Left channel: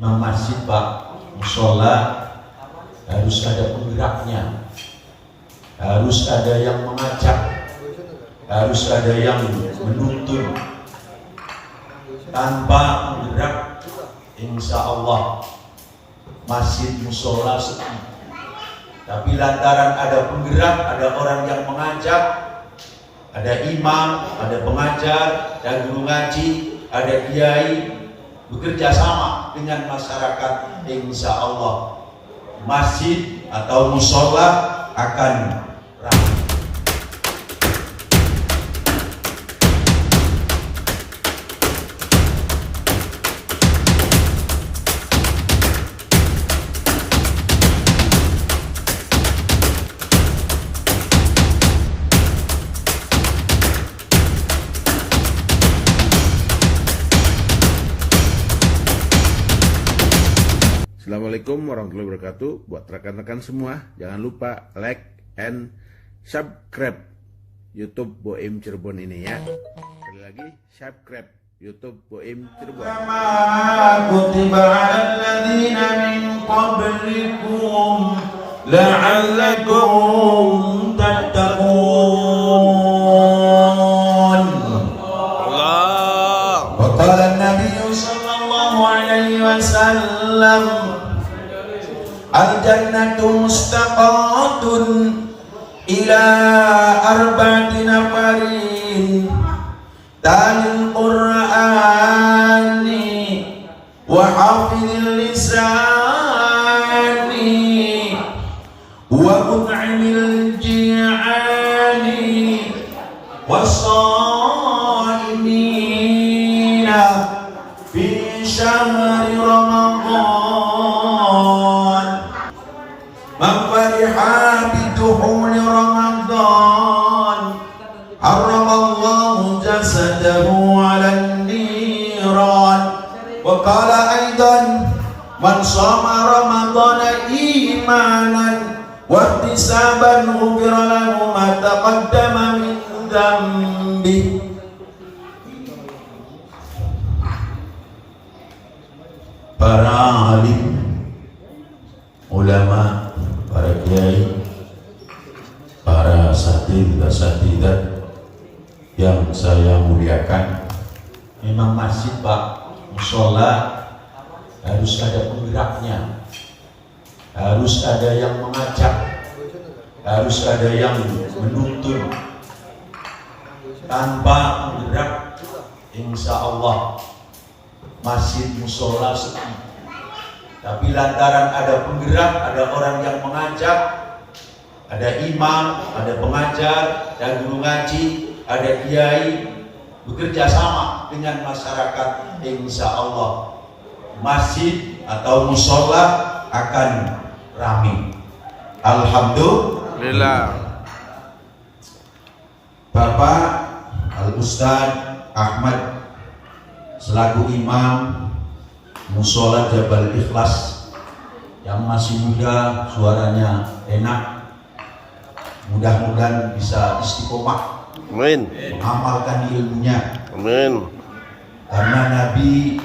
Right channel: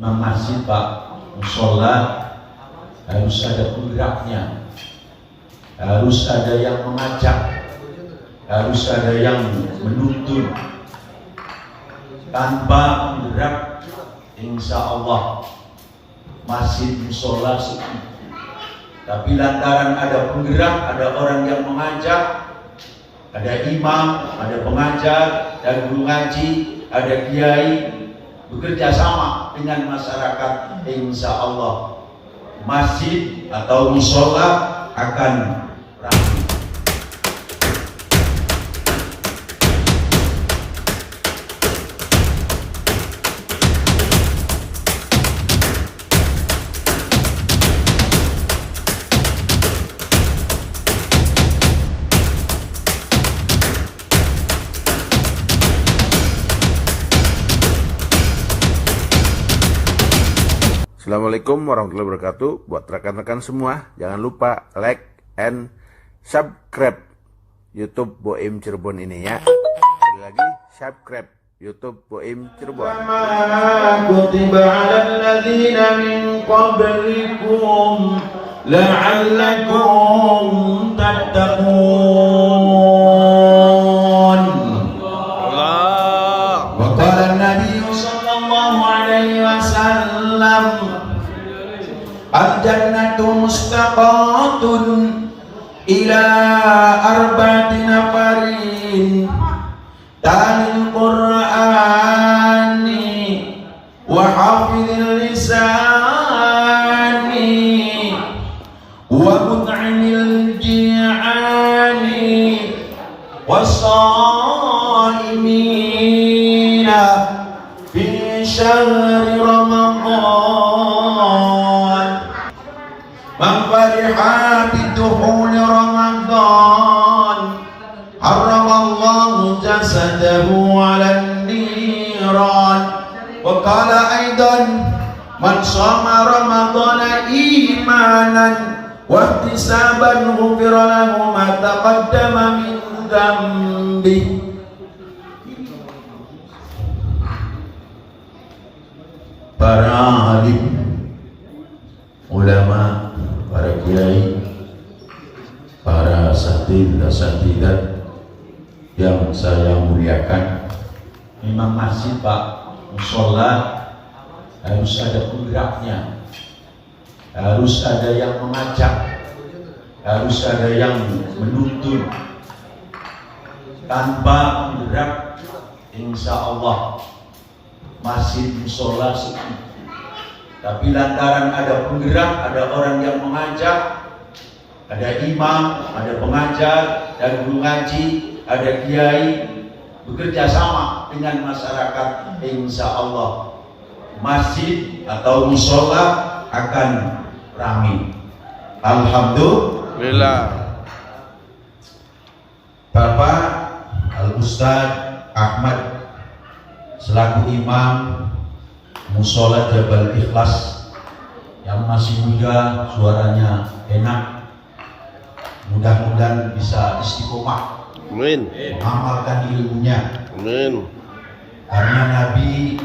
Imam masjid Pak, musola harus ada penggeraknya, harus ada yang mengajak, harus ada yang menuntun. Tanpa penggerak, insya Allah masjid musola sepi. Tapi lantaran ada penggerak, ada orang yang mengajak, ada imam, ada pengajar, ada guru ngaji, ada kiai, bekerja sama dengan masyarakat, insya Allah masjid atau musola akan ramai. Assalamualaikum warahmatullahi wabarakatuh. Buat rekan-rekan semua, jangan lupa like and subscribe YouTube Boim Cirebon ini ya. Sekali lagi, subscribe YouTube Boim Cirebon. Kutiba 'alal ladzina min qablikum la'allakum tattaqun. Allah. Wa qala an-nabiy sallallahu alaihi wasallam al-jannatu mustaqatun ila arba'ati nafarin talil qur'ani wa hafidhil lisani wa mut'imil ji'ani was-saimina fi syahri Ramadan. Man fariha bidukhul Ramadan harramallahu jasadahu 'alan niran. Wa qala aidan man shoma ramadana imanan wa ihtisaban ghufira lahu ma taqaddama min dhanbi. Para alim, ulama, para kiai, para asatidzah yang saya muliakan, memang masjid Pak, musola harus ada penggeraknya, harus ada yang mengajak, harus ada yang menuntun. Tanpa penggerak, insya Allah masjid musola sepi. Tapi lantaran ada penggerak, ada orang yang mengajak, ada imam, ada pengajar, ada guru ngaji, ada kiai, bekerja sama dengan masyarakat, insya Allah masjid atau musola akan ramai. Alhamdulillah. Bapak Al-Ustaz Ahmad selaku imam musola Jabal Ikhlas yang masih muda, suaranya enak, mudah-mudahan bisa istiqomah, Amin. mengamalkan ilmunya. Amin. Karena Nabi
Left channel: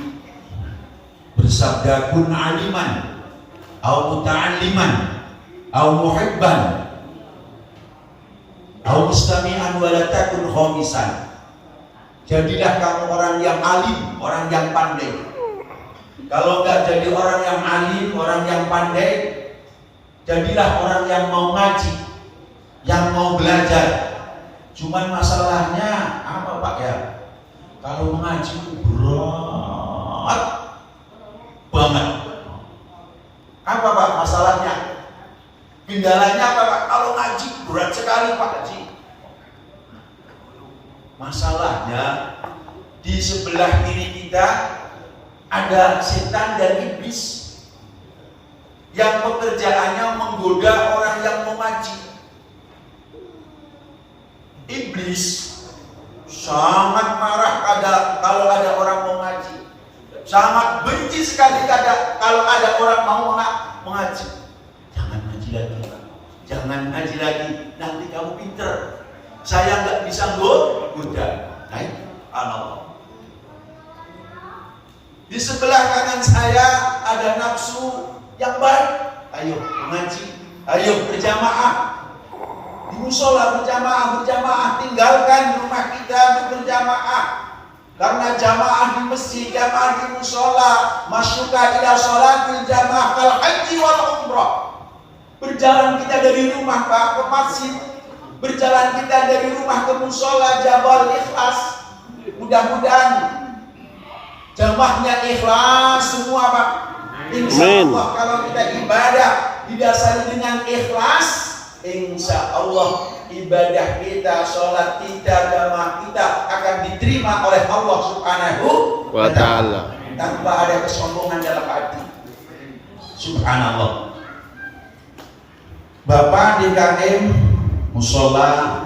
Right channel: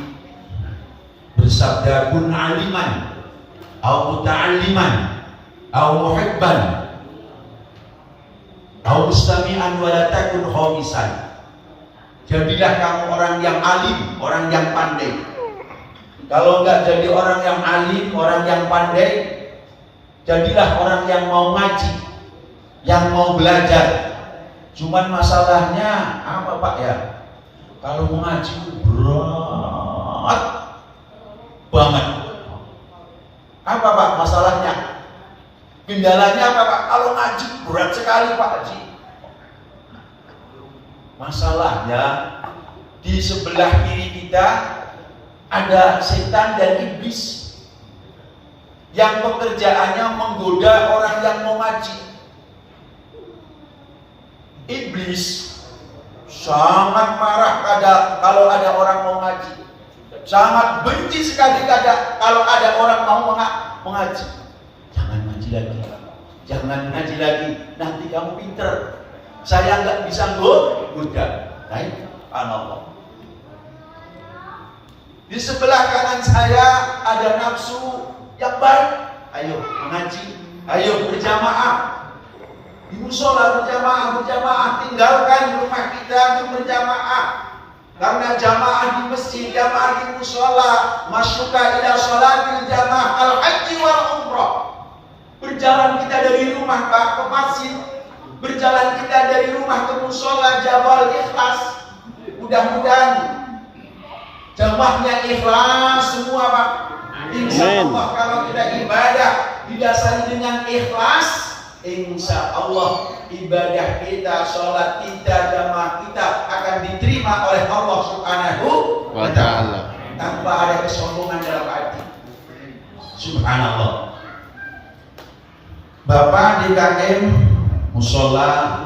bersabda, kun aliman au muta'alliman au muhibban au mustami'an wa la takun khamisan. Jadilah kamu orang yang alim, orang yang pandai. Kalau enggak jadi orang yang alim, orang yang pandai, jadilah orang yang mau ngaji, yang mau belajar. Cuman masalahnya apa Pak ya? Kalau mengaji itu berat banget. Apa Pak masalahnya? Kendalanya apa Pak? Kalau ngaji berat sekali Pak Haji. Masalahnya di sebelah kiri kita ada setan dan iblis yang pekerjaannya menggoda orang yang mau ngaji. Iblis sangat marah kalau ada orang mau ngaji, sangat benci sekali kalau ada orang mau mengaji. Jangan ngaji lagi, jangan ngaji lagi, nanti kamu pinter. Saya nggak bisa goda. Allah. Di sebelah kanan saya ada nafsu yang baik, ayo mengaji, ayo berjamaah. Di musola berjamaah, tinggalkan rumah kita untuk berjamaah. Karena jamaah di masjid, jamaah di musola, masyuka ila sholatil jamaah kal haji wal umrah. Berjalan kita dari rumah ke masjid, berjalan kita dari rumah ke musola Jabal Ikhlas. Mudah-mudahan jamaahnya ikhlas semua, Pak. Insya Allah kalau kita ibadah didasari dengan ikhlas, insya Allah ibadah kita, sholat kita, jamaah kita akan diterima oleh Allah Subhanahu wa Ta'ala tanpa ada kesombongan dalam hati. Subhanallah. Bapak DKM musola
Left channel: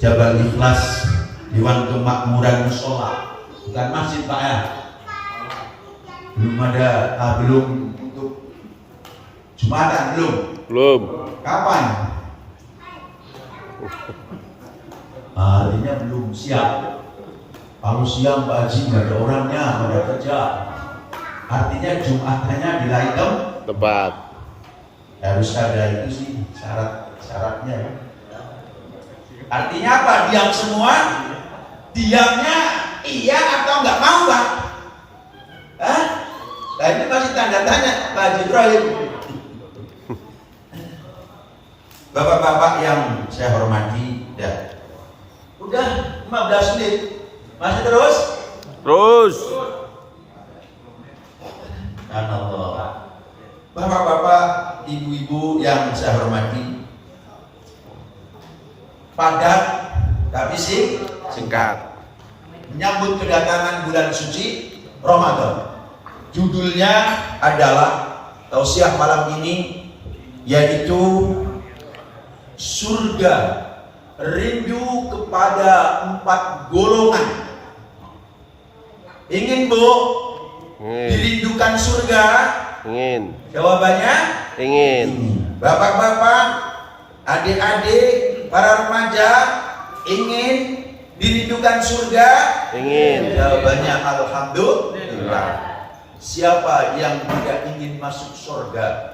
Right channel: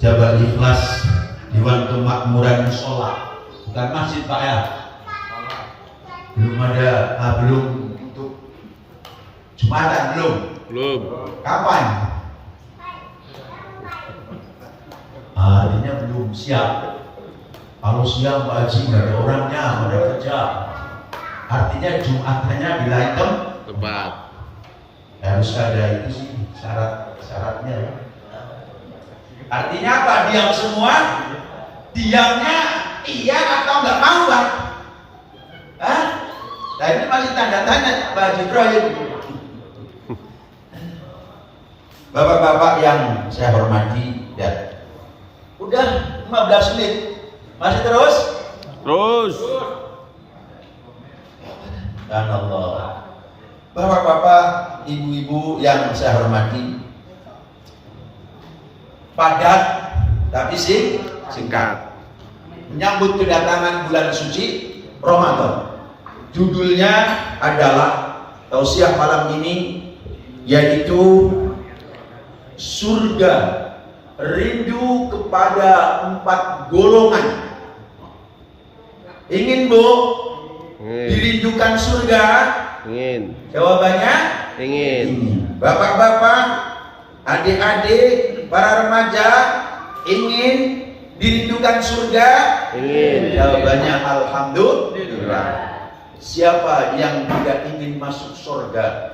Jabal Ikhlas, Dewan Kemakmuran Musola, bukan masjid Pak ya. Belum ada, belum untuk Jumatan belum. Kapan? Artinya belum siap. Kalau siang Pak Haji nggak ada orangnya, nggak ada kerja. Artinya Jumatnya di Laikem Tepat. harus ada itu sih syaratnya ya. Artinya apa? Diam semua? Diamnya iya atau nggak mau, Pak? Hah? Nah ini masih tanda tanya Pak Ibrahim. Bapak-bapak yang saya hormati, ya. Udah 15 menit. Masih terus? Terus. Dan Allah. Bapak-bapak, ibu-ibu yang saya hormati, padat tapi Singkat. menyambut kedatangan bulan suci Ramadan. Judulnya adalah tausiah malam ini, yaitu surga rindu kepada 4 golongan. Ingin Bu dirindukan surga? Ingin. Jawabannya Ingin. Bapak-bapak, adik-adik, para remaja ingin dirindukan surga? Ingin. Jawabannya alhamdulillah. Alhamdulillah. Siapa yang tidak ingin masuk surga?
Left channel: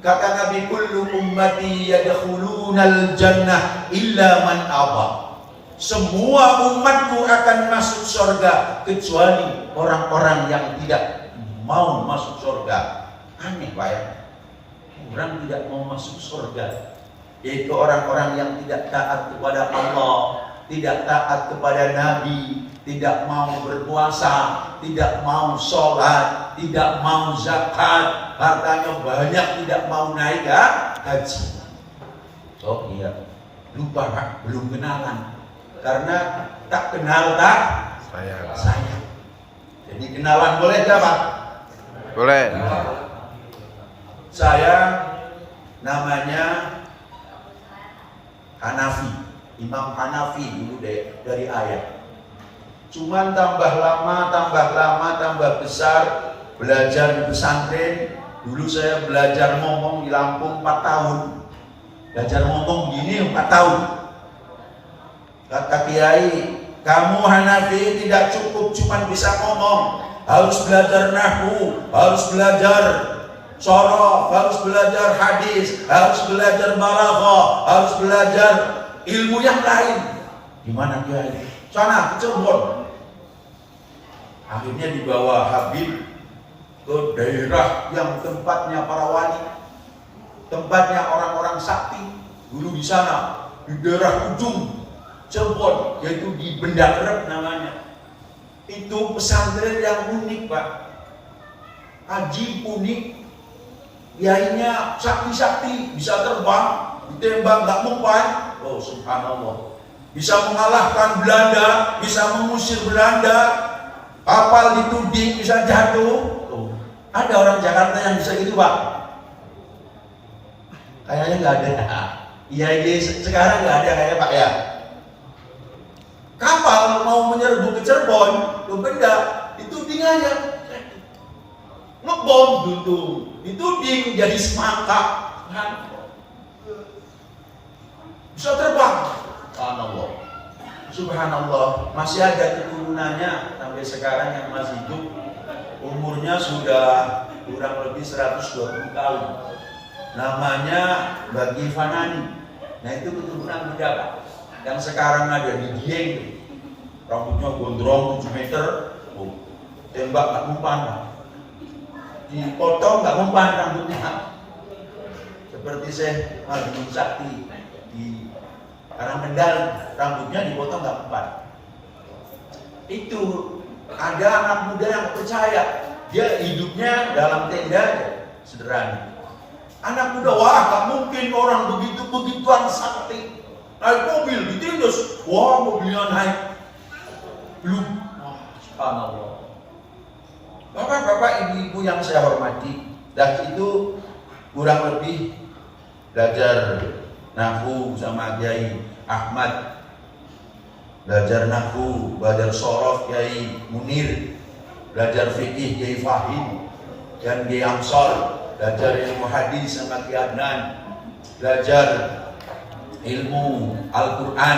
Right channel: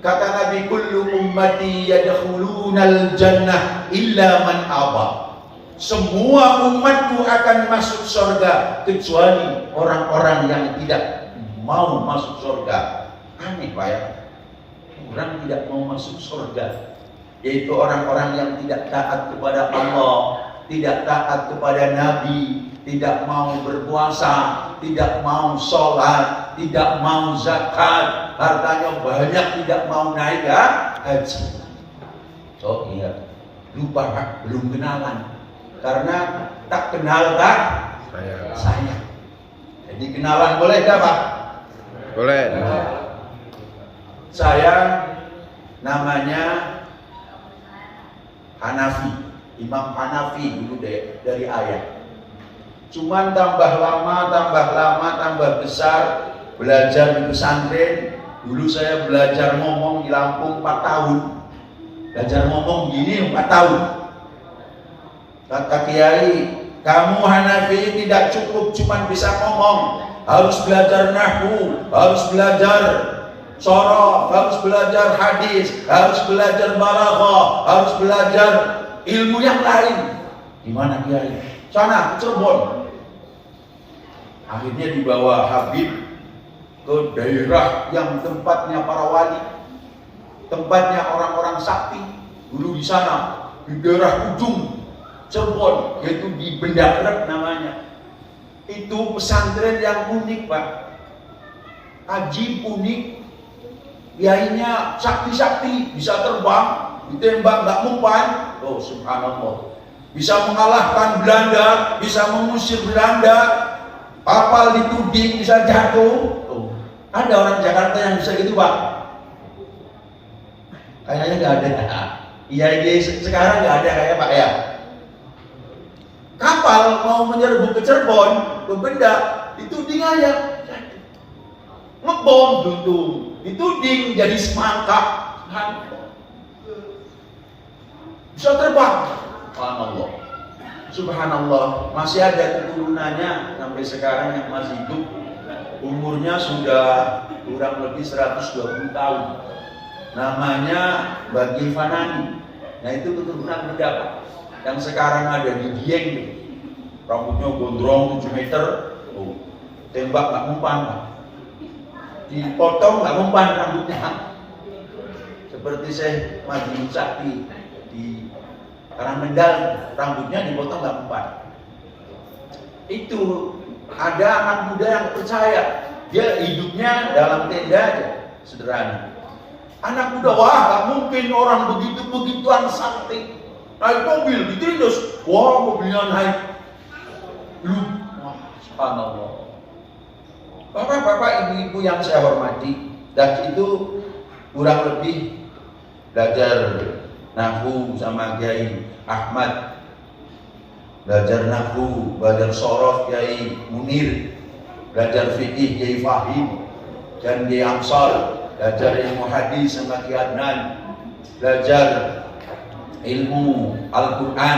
Kata Nabi, kullu ummati yadkhulunal jannah illa man aba. Semua umatku akan masuk surga kecuali orang-orang yang tidak mau masuk surga. Aneh Pak ya. Orang tidak mau masuk surga, yaitu orang-orang yang tidak taat kepada Allah, tidak taat kepada Nabi, tidak mau berpuasa, tidak mau sholat, tidak mau zakat, hartanya banyak, tidak mau naik haji. Oh iya, lupa Pak, belum kenalan. Karena tak kenal tak sayang. Jadi kenalan boleh tak Pak? Boleh. Saya namanya Hanafi, Imam Hanafi dulu dari ayah. Cuman tambah lama, tambah besar belajar di pesantren. Dulu saya belajar ngomong di Lampung 4 tahun. Belajar ngomong gini 4 tahun. Kata Kiai, kamu Hanafi tidak cukup cuma bisa ngomong, harus belajar nahwu, harus belajar sorof, harus belajar hadis, harus belajar balaghah, harus belajar ilmu yang lain. Gimana Kiai? Sana Cirebon. Akhirnya dibawa Habib ke daerah yang tempatnya para wali, tempatnya orang-orang sakti. Dulu di sana, di daerah ujung Cirebon, yaitu di Bendakrep namanya. Itu pesantren yang unik Pak, ajib unik. Kiainya sakti-sakti, bisa terbang, ditembak nggak mempan. Oh subhanallah. Bisa mengalahkan Belanda, bisa mengusir Belanda, kapal dituding bisa jatuh. Oh, ada orang Jakarta yang bisa gitu Pak? Kayaknya nggak ada. Iya sekarang nggak ada kayak Pak ya. Kapal mau menyerbu ke Cirebon, ke Benda, dituding aja, ngebom duntung, dituding jadi semangka, bisa terbang. Subhanallah, subhanallah, masih ada keturunannya sampai sekarang yang masih hidup. umurnya sudah kurang lebih 120 tahun. Namanya Bagi Fanani. Nah itu keturunan berapa? Yang sekarang ada di Dieng, rambutnya gondrong 7 meter, tembak nggak mempan, dipotong nggak mempan rambutnya. Seperti Syekh Majnun Sakti di Karangkendal, rambutnya dipotong nggak mempan. Itu ada anak muda yang percaya, dia hidupnya dalam tenda aja, sederhana. Anak muda, wah nggak mungkin orang begituan sakti. Naik mobil ditindas, wah mobilnya naik. Wah, subhanallah. Bapak-bapak, ibu-ibu yang saya hormati, dan itu kurang lebih belajar nahwu sama Kiai Ahmad, belajar nahwu, belajar sorof Kiai Munir, belajar fikih Kiai Fahim dan Kiai Amsal, belajar ilmu hadis sama Kiai Adnan, belajar ilmu Al-Quran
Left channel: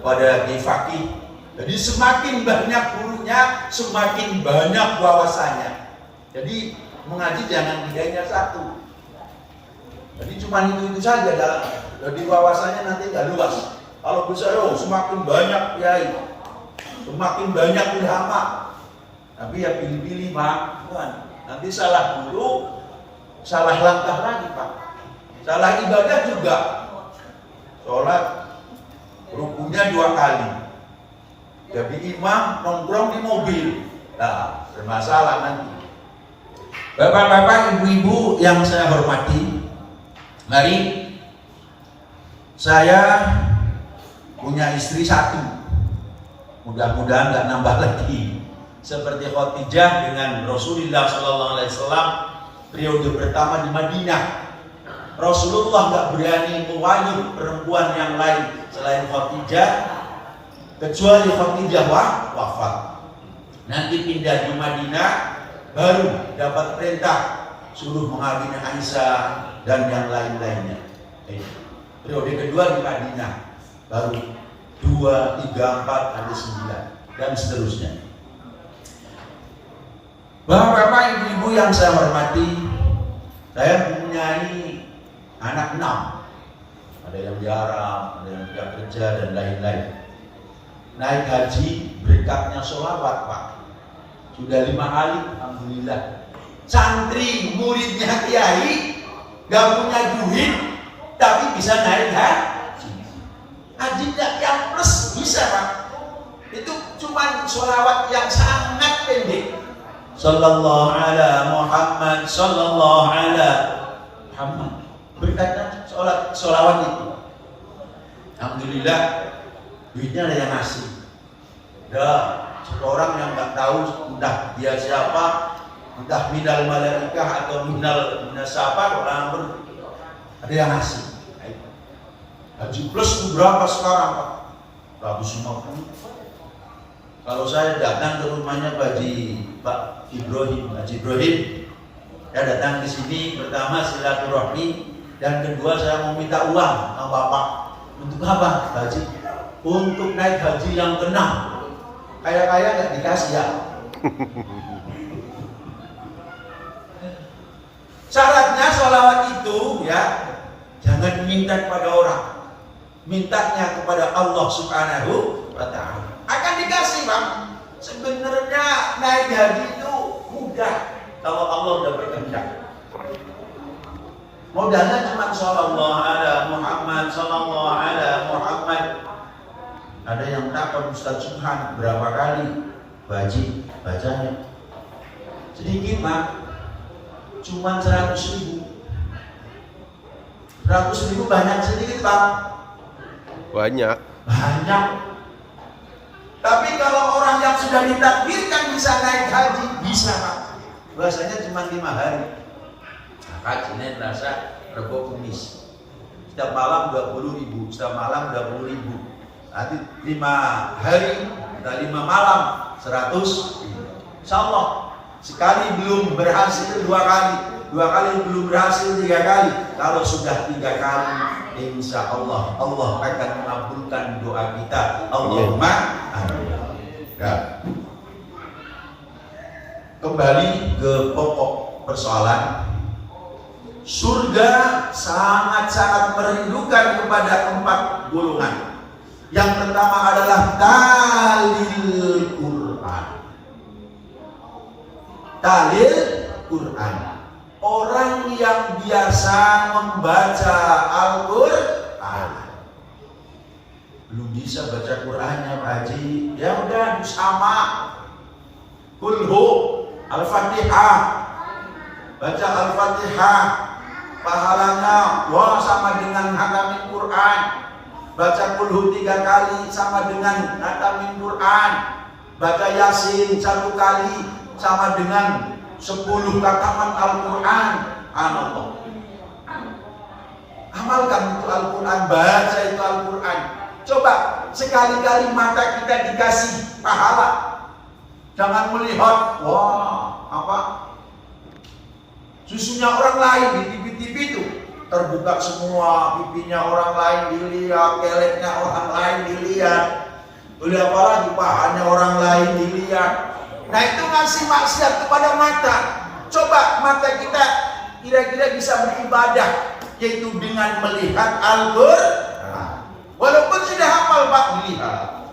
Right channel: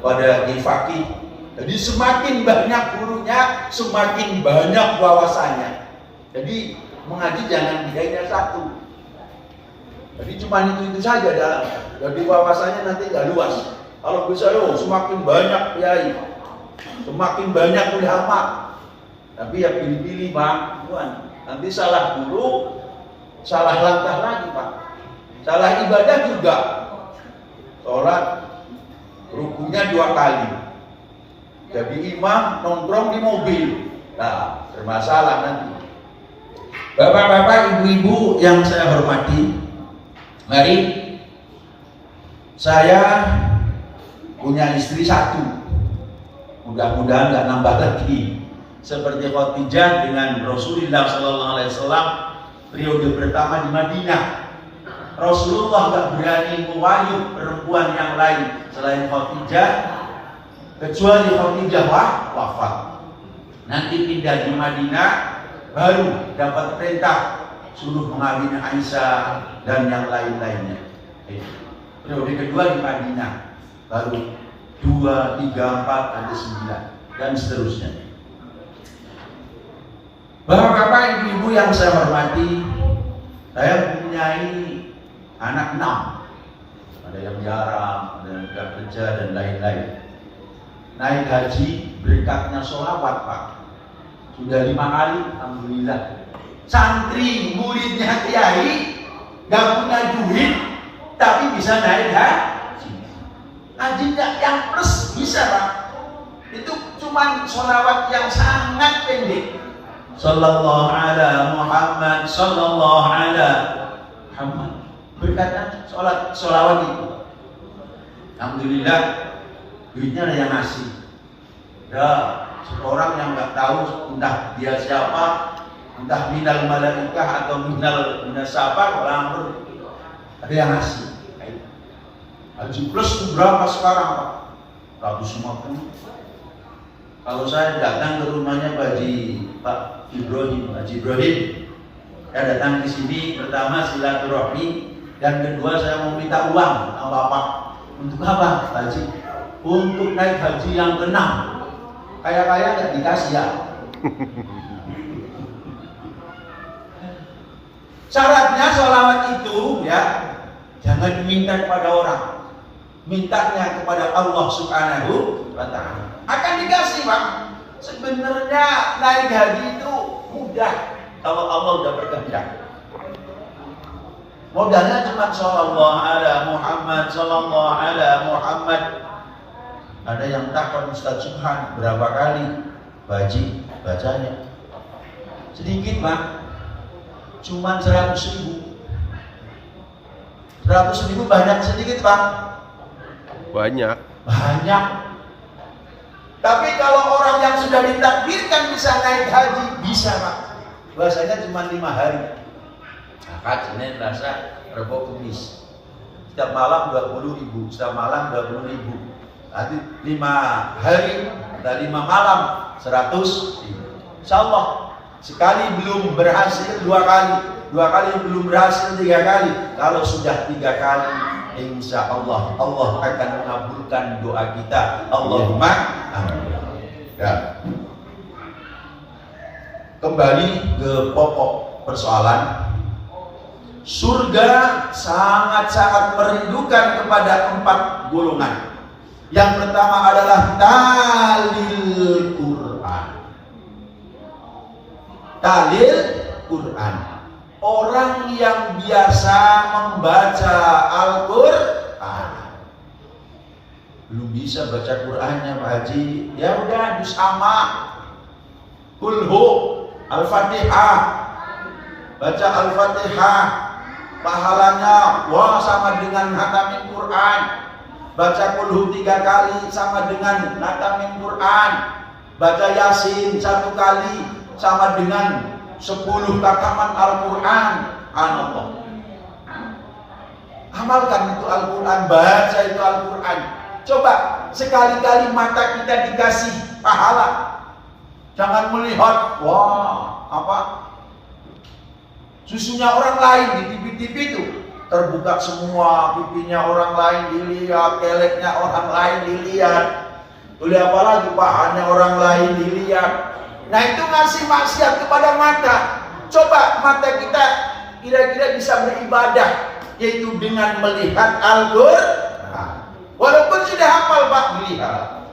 pada Kiai Fakih. Jadi semakin banyak gurunya, semakin banyak wawasannya. Jadi mengaji jangan bedanya satu. Jadi cuma itu saja dah. Jadi wawasannya nanti nggak luas. Kalau bisa semakin banyak kiai, semakin banyak ulama. Tapi ya pilih-pilih Pak, Tuhan. Nanti salah guru, salah langkah lagi Pak. Salah ibadah juga. Sholat rukunya 2 kali. Jadi imam nongkrong di mobil. Nah, bermasalah nanti. Bapak-bapak, ibu-ibu yang saya hormati, mari saya punya istri 1. Mudah-mudahan nggak nambah lagi. Seperti Khadijah dengan Rasulullah SAW periode pertama di Madinah. Rasulullah nggak berani mewayuh perempuan yang lain selain Khadijah, kecuali Khadijah wafat. Nanti pindah di Madinah, baru dapat perintah suruh mengawini Aisyah dan yang lain-lainnya. Periode kedua di Madinah, baru 2, 3, 4, sampai 9 dan seterusnya. Bapak-bapak, ibu-ibu yang saya hormati, saya mempunyai anak 6. Ada yang di Arab, ada yang tidak kerja dan lain-lain. Naik haji berkatnya sholawat Pak. Sudah 5 kali, alhamdulillah. Santri muridnya kiai gak punya duit, tapi bisa naik haji. Haji yang plus bisa Pak. Itu cuma sholawat yang sangat pendek. Sallallahu ala Muhammad, sallallahu ala Muhammad. Berkatnya sholawat itu. Alhamdulillah, duitnya ada yang ngasih. Ada orang yang nggak tahu entah dia siapa, entah minal malaikah atau minal minasapa, orang ada yang ngasih. Haji plus itu berapa sekarang Pak? 150. Kalau saya datang ke rumahnya Pak Ibrahim, Haji Ibrahim, saya datang di sini pertama silaturahmi, dan kedua saya mau minta uang sama Bapak. Untuk apa Haji? Untuk naik haji yang ke-6. Kaya-kaya nggak dikasih ya. Syaratnya sholawat itu ya jangan minta kepada orang, mintanya kepada Allah Subhanahu wa Ta'ala. Akan dikasih Bang. Sebenarnya naik haji itu mudah kalau Allah udah berkehendak. Modalnya cuma sallallahu ala Muhammad, sallallahu ala Muhammad. Ada yang takut Ustaz Subhan berapa kali baji bacanya? Sedikit Bang, cuma 100.000. 100.000 banyak sedikit Bang? Banyak. Banyak. Tapi kalau orang yang sudah ditakdirkan bisa naik haji, bisa Pak. Biasanya cuma 5 hari. Akad, Senin, Selasa, Rabu, Kamis. Setiap malam 20.000, setiap malam 20.000. Nanti 5 hari, dan 5 malam 100.000. Insya Allah sekali belum berhasil 2 kali, 2 kali belum berhasil 3 kali. Kalau sudah 3 kali, insya Allah Allah akan mengabulkan doa kita. Allahumma amin. Ya. kembali ke pokok persoalan. Surga sangat-sangat merindukan kepada 4 golongan. Yang pertama adalah talil Quran. Talil Quran. Orang yang biasa membaca Al-Quran. Belum bisa baca Qurannya Pak Haji. Ya udah sama. Kulhu Al-Fatihah. Baca Al-Fatihah. Pahalanya wah sama dengan hatamin Quran. Baca kulhu 3 kali sama dengan hatamin Quran. Baca Yasin 1 kali sama dengan 10 khataman Al-Quran. Subhanallah. Amalkan itu Al-Quran, baca itu Al-Quran. Coba sekali-kali mata kita dikasih pahala. Jangan melihat wah apa susunya orang lain di TV-TV itu terbuka semua, pipinya orang lain dilihat, keleknya orang lain dilihat, apalagi pahanya orang lain dilihat. Nah itu ngasih maksiat kepada mata. Coba mata kita kira-kira bisa beribadah, yaitu dengan melihat Al-Quran. Walaupun sudah hafal Pak, dilihat.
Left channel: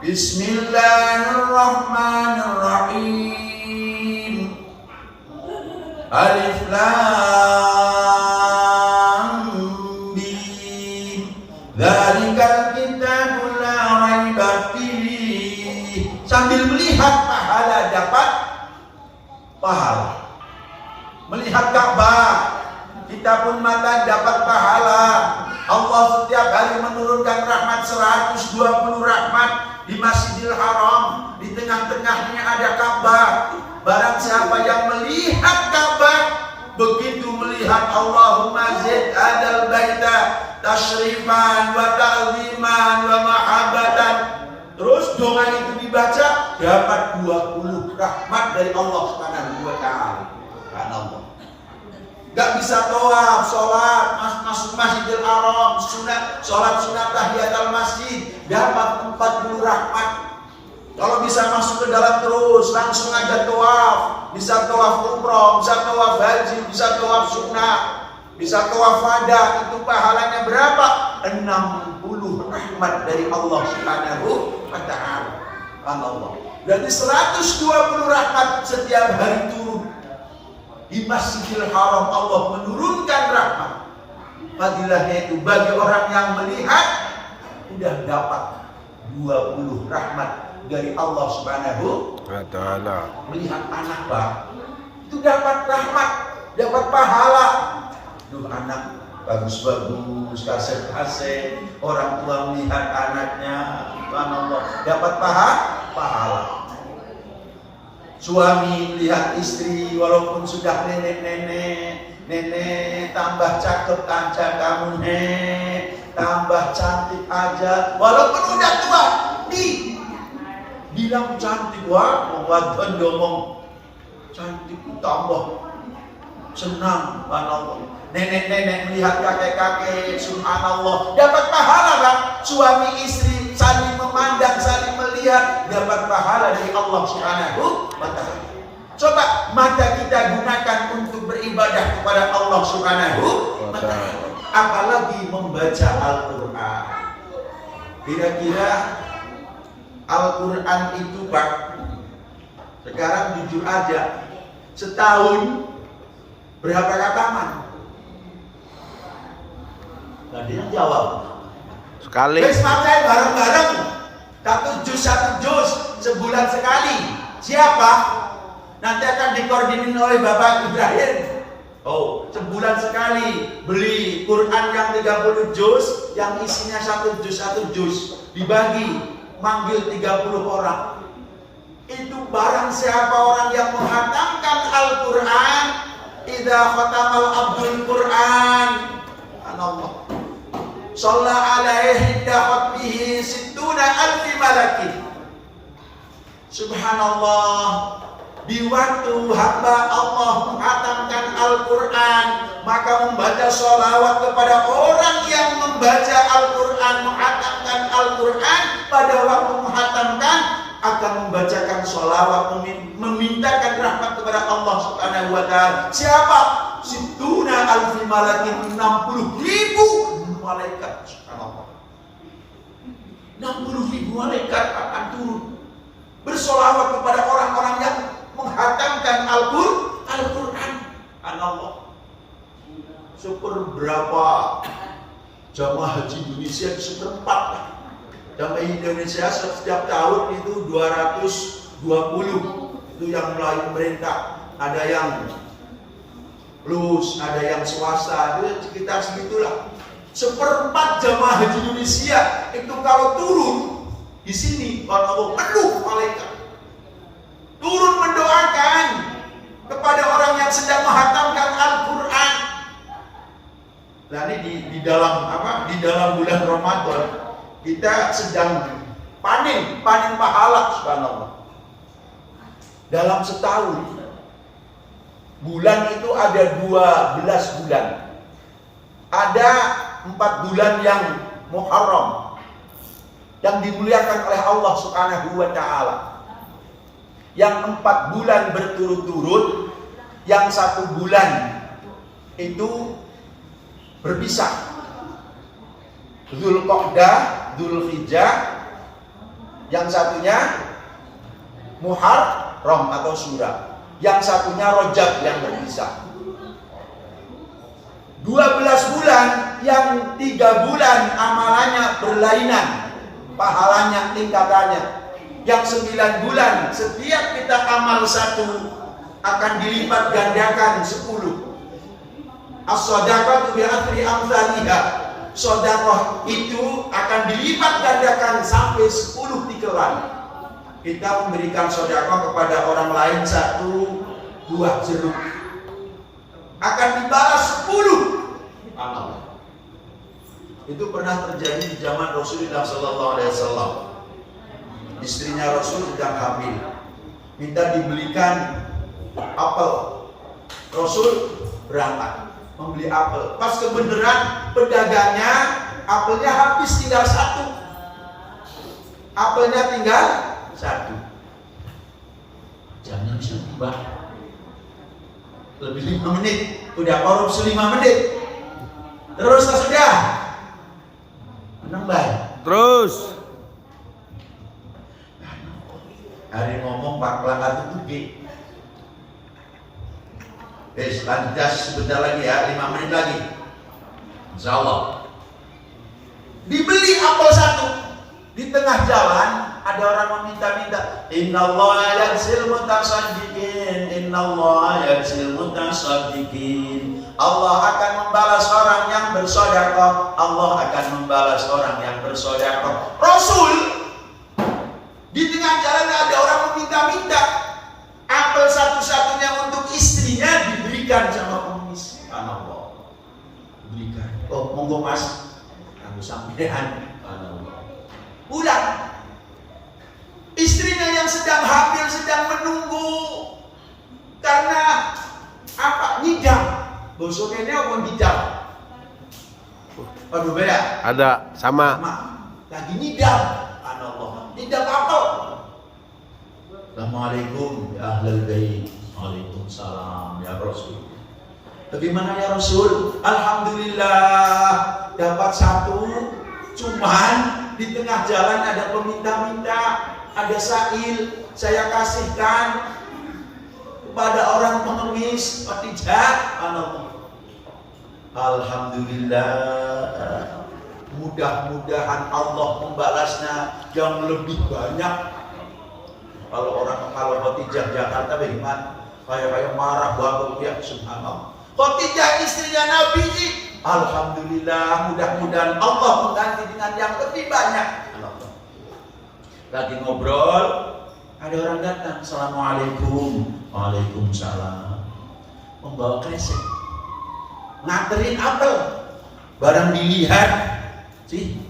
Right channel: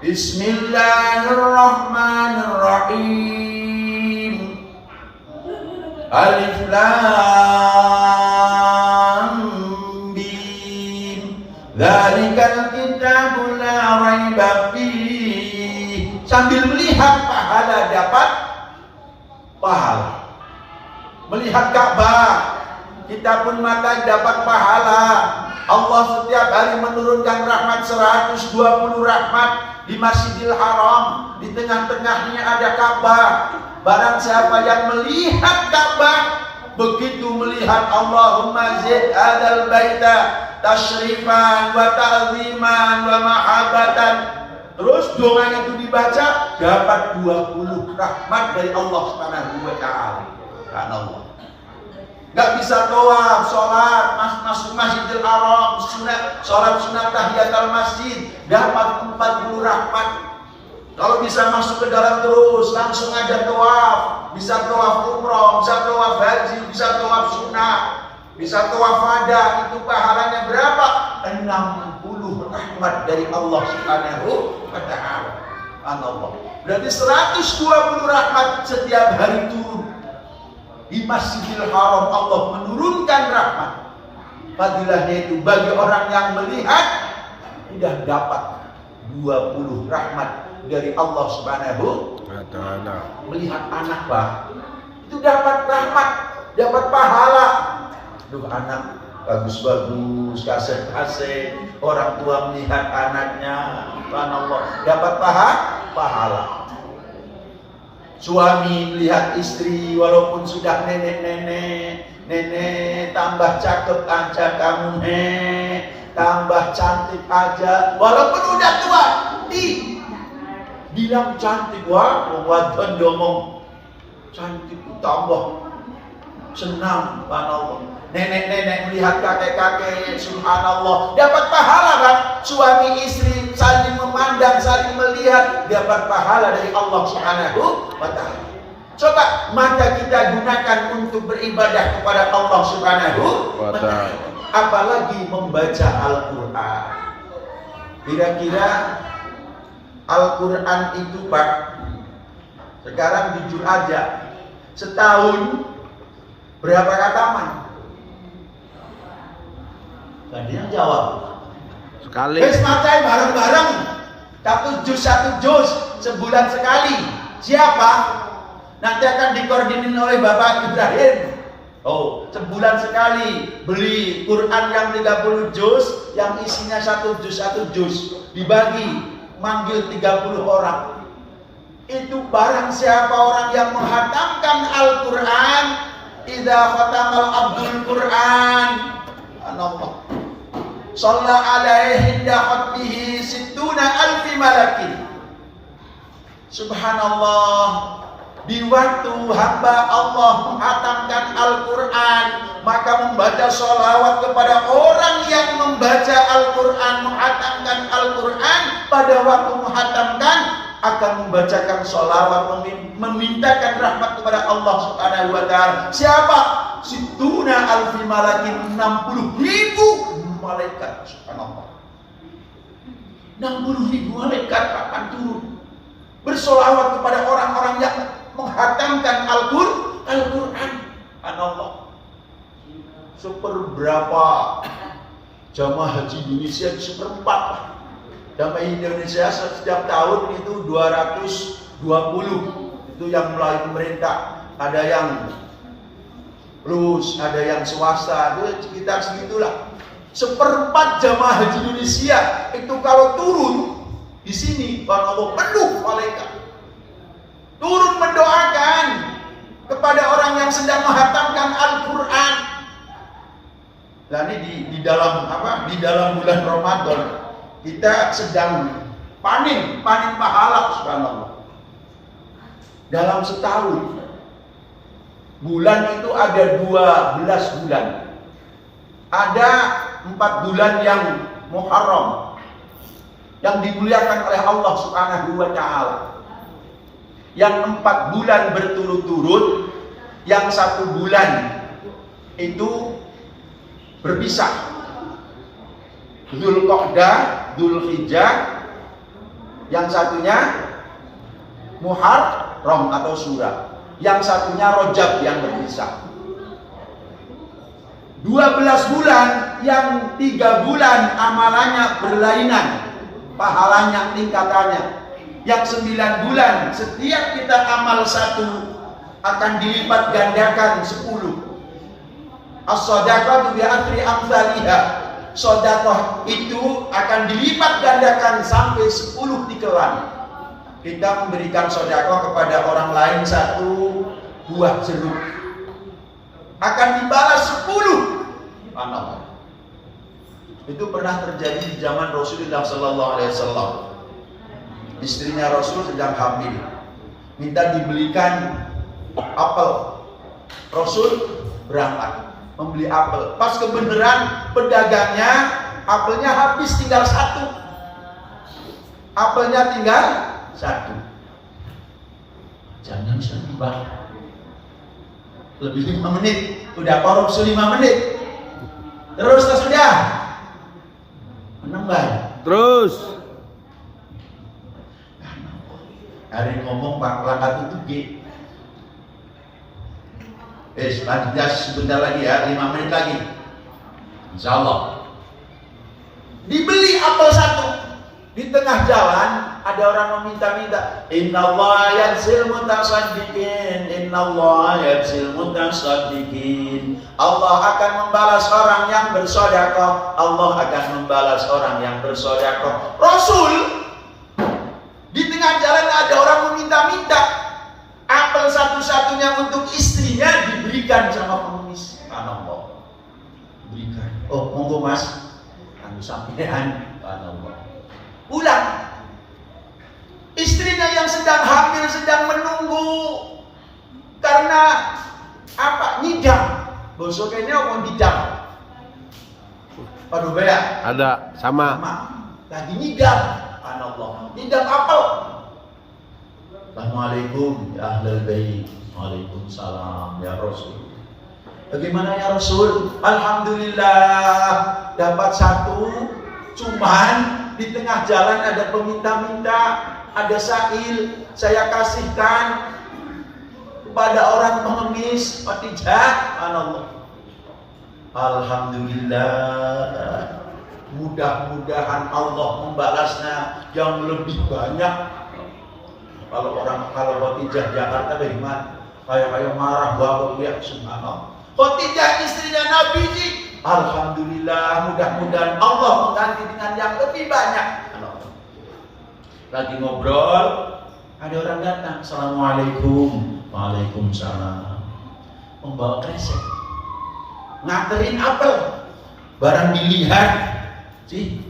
Bismillahirrahmanirrahim. Alif Lam Mim. Dzalikal kitabul la raiba fihi. Sambil melihat pahala dapat pahala. Melihat Ka'bah, kita pun maka dapat pahala. Allah setiap hari menurunkan rahmat 120 rahmat di Masjidil Haram. Di tengah-tengahnya ada Ka'bah. Barang siapa yang melihat Ka'bah, begitu melihat Allahumma zid adal baita tashrifan wa ta'ziman wa mahabbatan, terus doa itu dibaca, dapat 20 rahmat dari Allah Subhanahu wa taala. Subhanallah. Gak bisa doa, sholat, masuk Masjidil Haram, sholat sunat tahiyatul masjid, dapat 40 rahmat. Kalau bisa masuk ke dalam terus, langsung aja tawaf. Bisa tawaf umroh, bisa tawaf haji, bisa tawaf sunnah, bisa tawaf wada. Itu pahalanya berapa? 60 rahmat dari Allah Subhanahu wa ta'ala. Allah. Berarti 120 rahmat setiap hari turun. Di Masjidil Haram Allah menurunkan rahmat. Fadilahnya itu bagi orang yang melihat sudah dapat 20 rahmat dari Allah Subhanahu wa taala. Melihat anak Pak, itu dapat rahmat, dapat pahala. Duh anak bagus-bagus, kaset-kaset, orang tua melihat anaknya, subhanallah, dapat pahala. Suami melihat istri walaupun sudah nenek tambah cakep aja kamu, tambah cantik aja walaupun udah tua, bilang cantik, wah wadon ngomong cantik, tambah senang, subhanallah. Nenek-nenek melihat kakek-kakek, subhanallah, dapat pahala Pak. Suami istri saling memandang, saling melihat, dapat pahala dari Allah Subhanahu wa ta'ala. Coba mata kita gunakan untuk beribadah kepada Allah Subhanahu wa ta'ala, apalagi membaca Al-Quran. Kira-kira Al-Quran itu Pak, sekarang jujur aja, setahun berapa khataman? Gak ada yang jawab. Sekali. Wes macai bareng-bareng, satu juz sebulan sekali. Siapa? Nanti akan dikoordinir oleh Bapak Ibrahim. Oh, sebulan sekali beli Quran yang 30 juz, yang isinya satu juz dibagi, manggil 30 orang. Itu barang siapa orang yang menghatamkan Al-Quran, idza khatamal abdul Quran, Allah shalla alaihi daqatbihi sittuna alfi malakin. Subhanallah. Di waktu hamba Allah menghatamkan Al-Quran, maka membaca sholawat kepada orang yang membaca Al-Quran, menghatamkan Al-Quran pada waktu menghatamkan, akan membacakan sholawat, memintakan rahmat kepada Allah Subhanahu wa ta'ala. Siapa? Situna alfi malakin, 60.000 malaikat. Subhanallah, 60.000 malaikat akan turun bersolawat kepada orang-orang yang menghatamkan Al-Quran. Subhanallah. Seberapa jamaah haji Indonesia? Seperempat lah. Jamaah Indonesia setiap tahun itu 220. Itu yang melalui pemerintah. Ada yang plus, ada yang swasta, itu sekitar segitulah. Seperempat jamaah haji Indonesia itu kalau turun di sini, Allah penuh malaikat turun mendoakan kepada orang yang sedang menghatamkan Al-Quran. Nah ini di dalam apa? Di dalam bulan Ramadan kita sedang panen pahala. Subhanallah. Dalam setahun bulan itu ada 12 bulan. Ada 4 bulan yang Muharram yang dimuliakan oleh Allah Subhanahu wa ta'ala. Yang 4 bulan berturut-turut, yang 1 bulan itu berpisah. Dzulqa'dah, Dzulhijjah, yang satunya Muharram atau Syura, yang satunya Rajab yang berpisah. 12 bulan, yang 3 bulan amalannya berlainan, pahalanya, tingkatannya. Yang 9 bulan, setiap kita amal 1 akan dilipat gandakan 10. As-shadaqatu bi athri amsalihha. Sedekah itu akan dilipat gandakan sampai 10 tikelan. Kita memberikan sedekah kepada orang lain 1 buah jeruk, akan dibalas 10. Subhanallah. Itu pernah terjadi di zaman Rasulullah sallallahu alaihi wasallam. Istrinya Rasul sedang hamil, minta dibelikan apel. Rasul berangkat membeli apel. Pas kebenaran pedagangnya apelnya habis, tinggal 1. Apelnya tinggal 1. Jangan sedih bang, lebih 5 menit, udah korupsi 5 menit. Terus sudah menambah. Terus hari ngomong Pak itu G. Lanjut sebentar lagi ya, 5 menit lagi. Insya Allah. Dibeli apel 1. Di tengah jalan ada orang meminta-minta, innallaha yarsil mutasaddiqin, innallaha yarsil mutasaddiqin. Allah akan membalas orang yang bersedekah, Allah akan membalas orang yang bersedekah. Rasul di tengah jalan ada orang meminta-minta, apel satu-satunya untuk istrinya diberikan sama pengemis. Allah berikan. Oh monggo mas, kami sampean. Allah pulang. Istrinya yang sedang hamil, sedang menunggu karena apa? Ngidam. Bosoknya apa ngidam? Aduh bea. Ada sama. Lagi ngidam. Allah. Ngidam apel. Assalamualaikum ya ahlal bait. Waalaikumsalam ya Rasul. Bagaimana ya Rasul? Alhamdulillah dapat 1. Cuman di tengah jalan ada peminta-minta, ada sa'il, saya kasihkan kepada orang pengemis. Oh tidak, Allah. Alhamdulillah. Mudah-mudahan Allah membalasnya yang lebih banyak. Kalau Khotijah Jakarta bagaimana? Kayak marah bapak ya, subhanallah. Khotijah istrinya Nabi ji. Alhamdulillah, mudah-mudahan Allah mengganti dengan yang lebih banyak. Lagi ngobrol, ada orang datang. Assalamualaikum. Waalaikumsalam. Membawa kresek, nganterin apel. Barang dilihat sih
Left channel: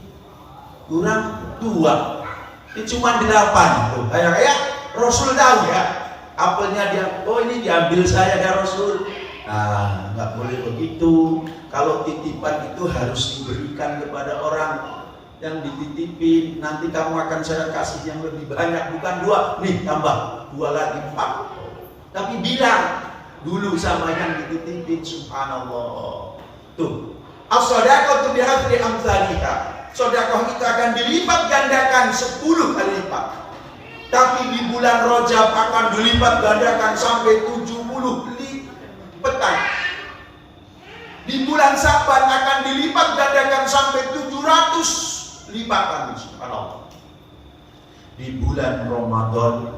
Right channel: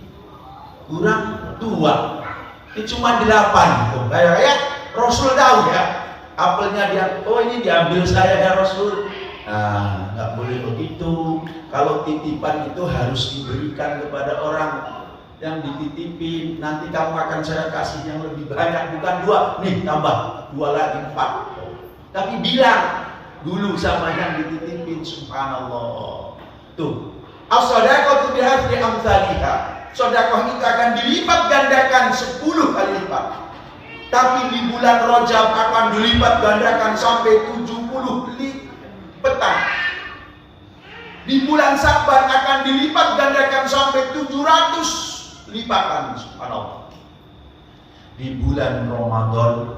kurang 2, ini cuma 8. Tuh, kayak Rasul tahu ya, apelnya dia. Oh ini diambil saya ya Rasul. Nah, nggak boleh begitu. Kalau titipan itu harus diberikan kepada orang yang dititipin, nanti kamu akan saya kasih yang lebih banyak, bukan 2, nih tambah 2 lagi 4. Tapi bilang dulu sama yang dititipin, subhanallah. Tuh, as-shadaqatu bihadri amsalihha. Sedekah itu akan dilipat gandakan 10 kali lipat. Tapi di bulan Rajab akan dilipat gandakan sampai 70 lipatan. Di bulan Sa'ban akan dilipat gandakan sampai 700 lipatan, subhanallah. Di bulan Ramadan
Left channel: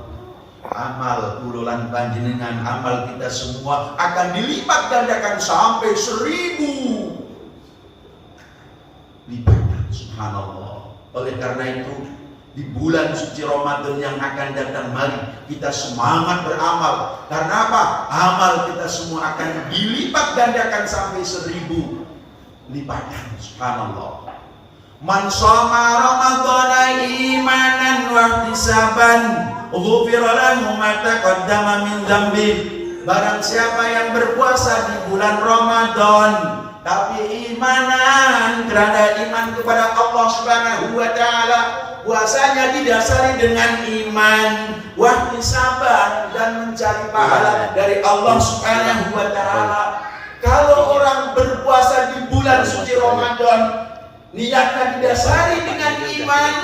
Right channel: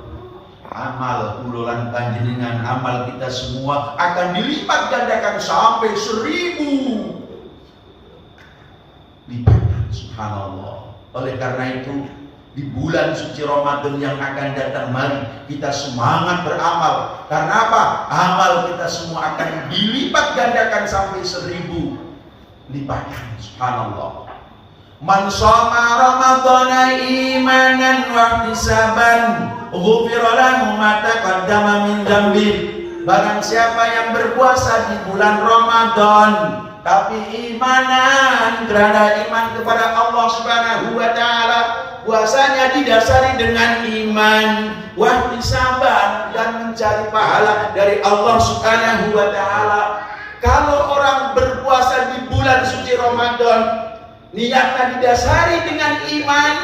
amal ulolan panjenengan, amal kita semua akan dilipat gandakan sampai 1000 lipatan, subhanallah. Oleh karena itu di bulan suci Ramadan yang akan datang, mari kita semangat beramal. Karena apa? Amal kita semua akan dilipat gandakan sampai 1000 lipatan, subhanallah. Man shoma ramadhana imanan wa ihtisaban ghufira lahu ma taqaddama min dzambi. Barang siapa yang berpuasa di bulan Ramadan tapi imanan, kerana iman kepada Allah Subhanahu wa taala, puasanya didasari dengan iman, wa ihtisaban, dan mencari pahala dari Allah Subhanahu wa taala. Kalau orang berpuasa di bulan suci Ramadan niatnya didasari dengan iman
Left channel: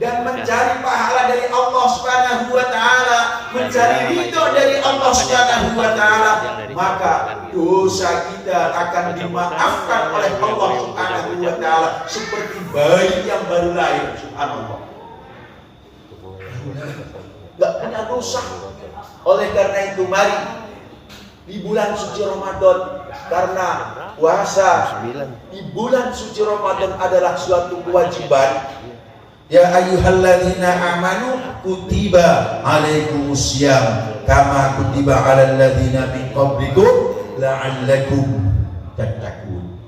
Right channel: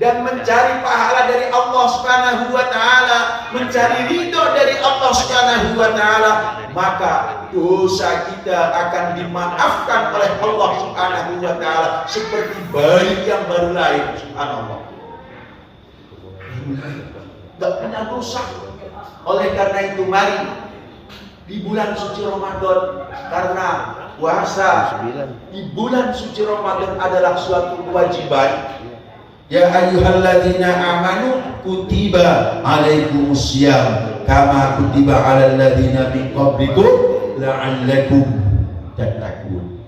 dan mencari pahala dari Allah Subhanahu wa taala, mencari ridho dari Allah Subhanahu wa taala, maka dosa kita akan dimaafkan oleh Allah Subhanahu wa taala seperti bayi yang baru lahir, subhanallah. Enggak punya dosa. Oleh karena itu mari di bulan suci Ramadan, karena puasa di bulan suci Ramadan adalah suatu kewajiban. Ya ayyuhalladzina amanu kutiba alaikumusiyam kama kutiba alal ladzina min qablikum la'allakum tattaqun.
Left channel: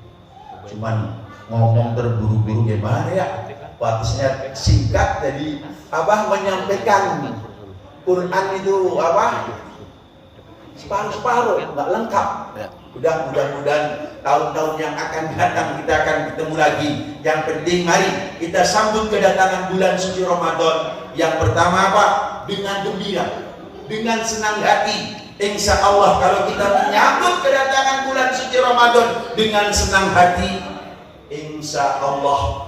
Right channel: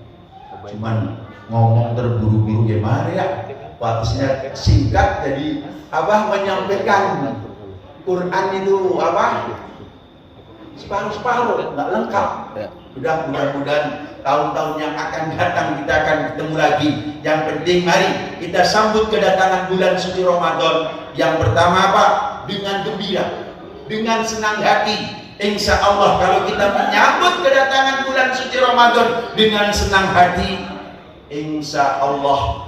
Cuman ngomong terburu-buru gimana ya? Batasnya singkat, jadi menyampaikan Quran itu separuh, nggak lengkap. Mudah-mudahan tahun-tahun yang akan datang kita akan ketemu lagi. Yang penting mari kita sambut kedatangan bulan suci Ramadan. Yang pertama apa? Dengan gembira, dengan senang hati. Insya Allah kalau kita menyambut kedatangan bulan suci Ramadan dengan senang hati, insya Allah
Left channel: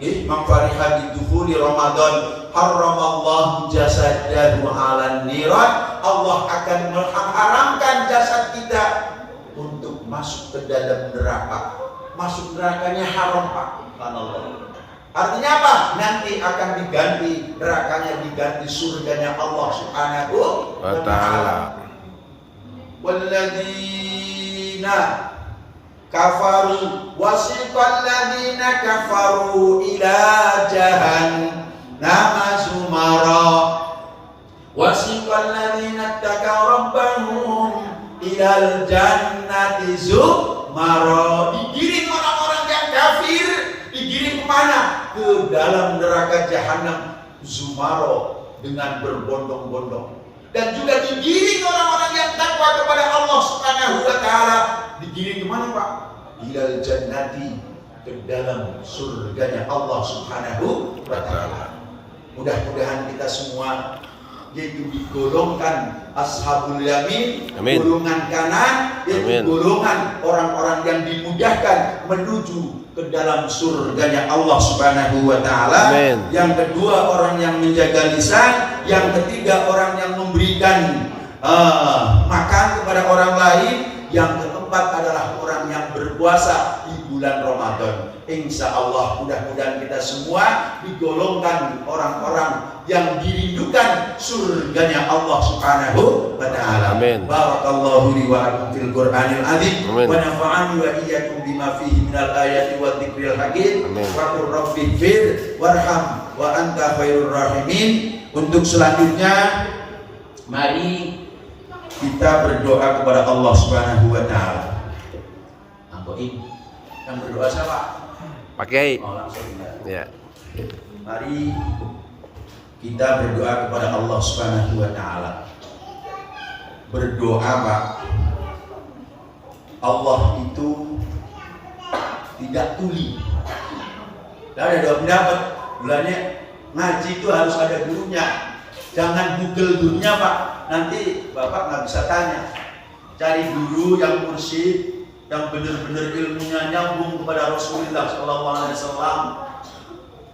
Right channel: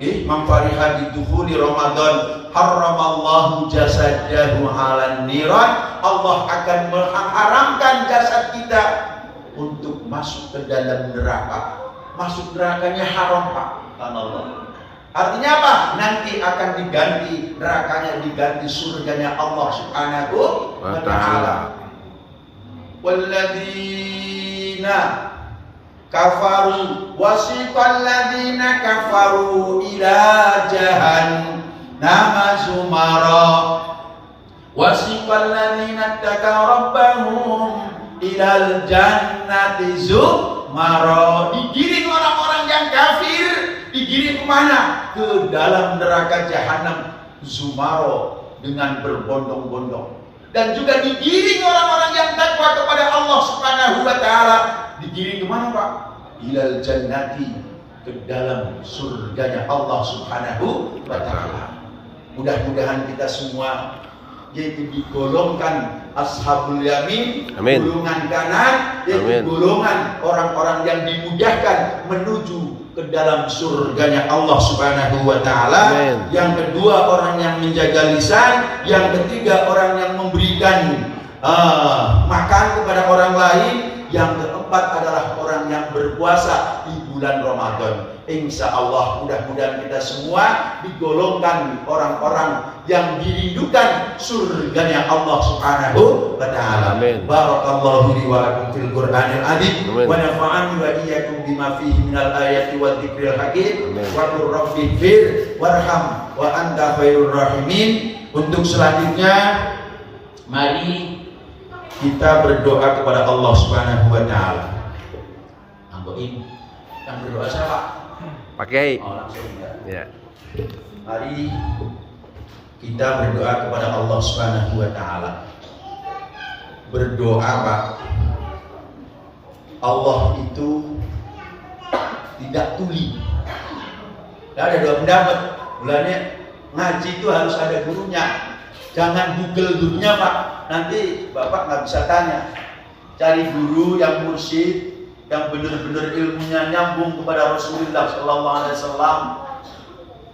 man fariha bidukhuli Ramadan haramallahu jasadahu 'alan niran. Allah akan mengharamkan jasad kita untuk masuk ke dalam neraka. Masuk nerakanya haram, Pak. Subhanallah. Artinya apa? Nanti akan diganti nerakanya, diganti surganya Allah Subhanahu wa taala. Walladzina kafaru wasiqal ladzina kafaru ila jahannama sumara wasiqal ladzina taqaw rabbahum ilal jannati zumara. Digiring orang-orang yang kafir, digiring kemana? Ke dalam neraka jahanam zumara, dengan berbondong-bondong. Dan juga digiring orang-orang yang takwa kepada Allah Subhanahu wa taala, digiring kemana, Pak? Ilal jannati, ke dalam surganya Allah Subhanahu wa taala. Mudah-mudahan kita semua yaitu digolongkan ashabul yamin, amin. Golongan kanan, yaitu amin. Golongan orang-orang yang dimudahkan menuju ke dalam surganya Allah Subhanahu wa taala. Yang kedua, orang yang menjaga lisan. Yang ketiga, orang yang memberikan makan kepada orang lain. Yang keempat adalah orang yang berpuasa di bulan Ramadan. Insya Allah mudah-mudahan kita semua digolongkan orang-orang yang dirindukan surganya Allah Subhanahu wa taala. Amin. Barakallahu li wa lakum fil Qur'anil azim wa nafa'ani wa iyyakum bima fihi minal ayati wa dzikril hakim. Wa qur rabbi fir warham wa anta khairur rahimin. Untuk selanjutnya mari kita berdoa kepada Allah Subhanahu wa taala. Anggoin. Yang berdoa siapa? Pakai. Oh, langsung ya. Mari kita berdoa kepada Allah Subhanahu wa taala. Berdoa, Pak. Allah itu tidak tuli. Tidak ada dua pendapat. Mulanya ngaji itu harus ada gurunya. Jangan Google gurunya Pak. Nanti Bapak nggak bisa tanya. Cari guru yang mursyid, yang benar-benar ilmunya nyambung kepada Rasulullah Sallallahu Alaihi Wasallam,